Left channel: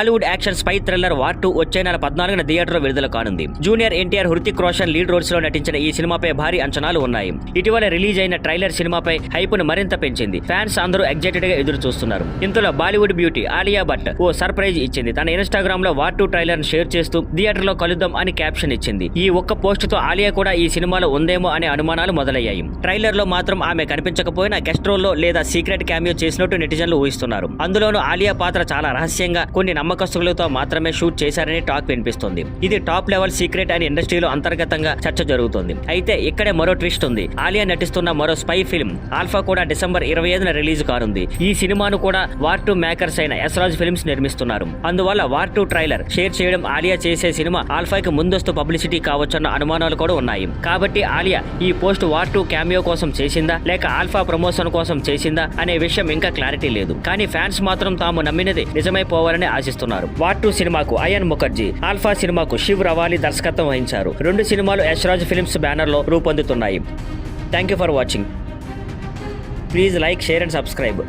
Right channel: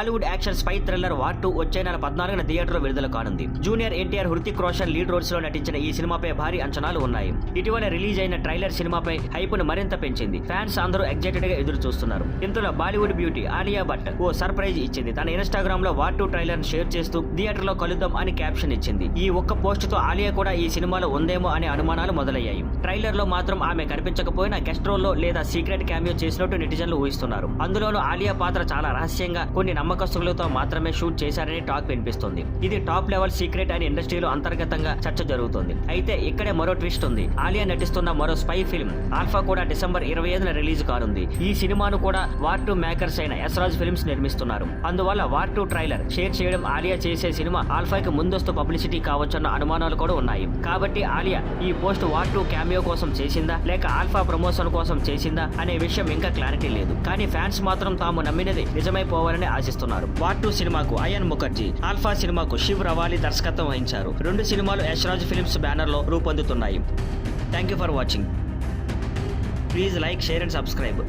Bollywood action spy thriller War 2 వచ్చే నెల 14న థియేటర్లో విడుదల కానుంది. Junior NTR, Hrithik Roshan lead roles లో నటించిన ఈ సినిమాపై భారీ అంచనాలు ఉన్నాయి. ఇటీవల రిలీజ్ అయిన ట్రైలర్ సినిమాపై హైప్ ను మరింత పెంచింది. ఫ్యాన్స్ అందరూ ఎగ్జైటెడ్ గా ఎదురు చూస్తున్నారు. ఇంతలో బాలీవుడ్ బ్యూటీ ఆలియా భట్ ఓ సర్ప్రైజ్ ఇచ్చింది. తన ఇన్స్టాగ్రామ్ లో వార్ 2 ట్రైలర్ ను షేర్ చేస్తూ థియేటర్లో కలుద్దాం అని క్యాప్షన్ ఇచ్చింది. ఈ ఒక్క పోస్ట్ తో ఆలియా కూడా ఈ సినిమాలో ఉందేమో అనే అనుమానాలు మొదలయ్యాయి. ట్రైలర్ లో మాత్రం ఆమె కనిపించకపోయినా గెస్ట్ రోల్ లో లేదా సీక్రెట్ క్యామియో చేసినట్టు నెటిజన్లు ఊహిస్తున్నారు. అందులోనూ ఆలియా పాత్ర చాలా రహస్యంగా కొన్ని నమ్మకస్తులతో మాత్రమే షూట్ చేశారని టాక్ వినిపిస్తుంది. ఇది టాప్ లెవెల్ సీక్రెట్ అని ఇండస్ట్రీలో అంతర్గతంగా చర్చ జరుగుతుంది. అయితే ఇక్కడే మరో ట్విస్ట్ ఉంది. ఆలియా నటిస్తున్న మరో స్పై ఫిల్మ్ ఆల్ఫా కూడా డిసెంబర్ 25న రిలీజ్ కానుంది. ఈ సినిమాను కూడా వార్ 2 మేకర్స్ అయిన యశ్రాజ్ ఫిల్మ్స్ నిర్మిస్తున్నారు. అందువల్ల వార్ 2 ట్రైలర్ షేర్ చేయడం ఆలియా చేసే సినిమా ఆల్ఫాకి ముందస్తు పబ్లిసిటీ కావచ్చన్న అనుమానాలు కూడా ఉన్నాయి. కాబట్టి ఆలియా ఈ పోస్ట్ వార్ 2 క్యామియో కోసం చేసిందా లేక ఆల్ఫా ప్రమోషన్ కోసం చేసిందా అనే విషయం ఇంకా క్లారిటీ లేదు. కానీ ఫ్యాన్స్ మాత్రం తాము నమ్మినది నిజమైపోవాలని ఆశిస్తున్నారు. వార్ 2 సినిమాకు అయాన్ ముఖర్జీ, ఆల్ఫా సినిమాకు శివ్ రవాలి దర్శకత్వం వహించారు. రెండు సినిమాలు యశ్రాజ్ ఫిల్మ్స్ బ్యానర్ లో రూపొందుతున్నాయి. Thank you for watching. Please like, share and subscribe.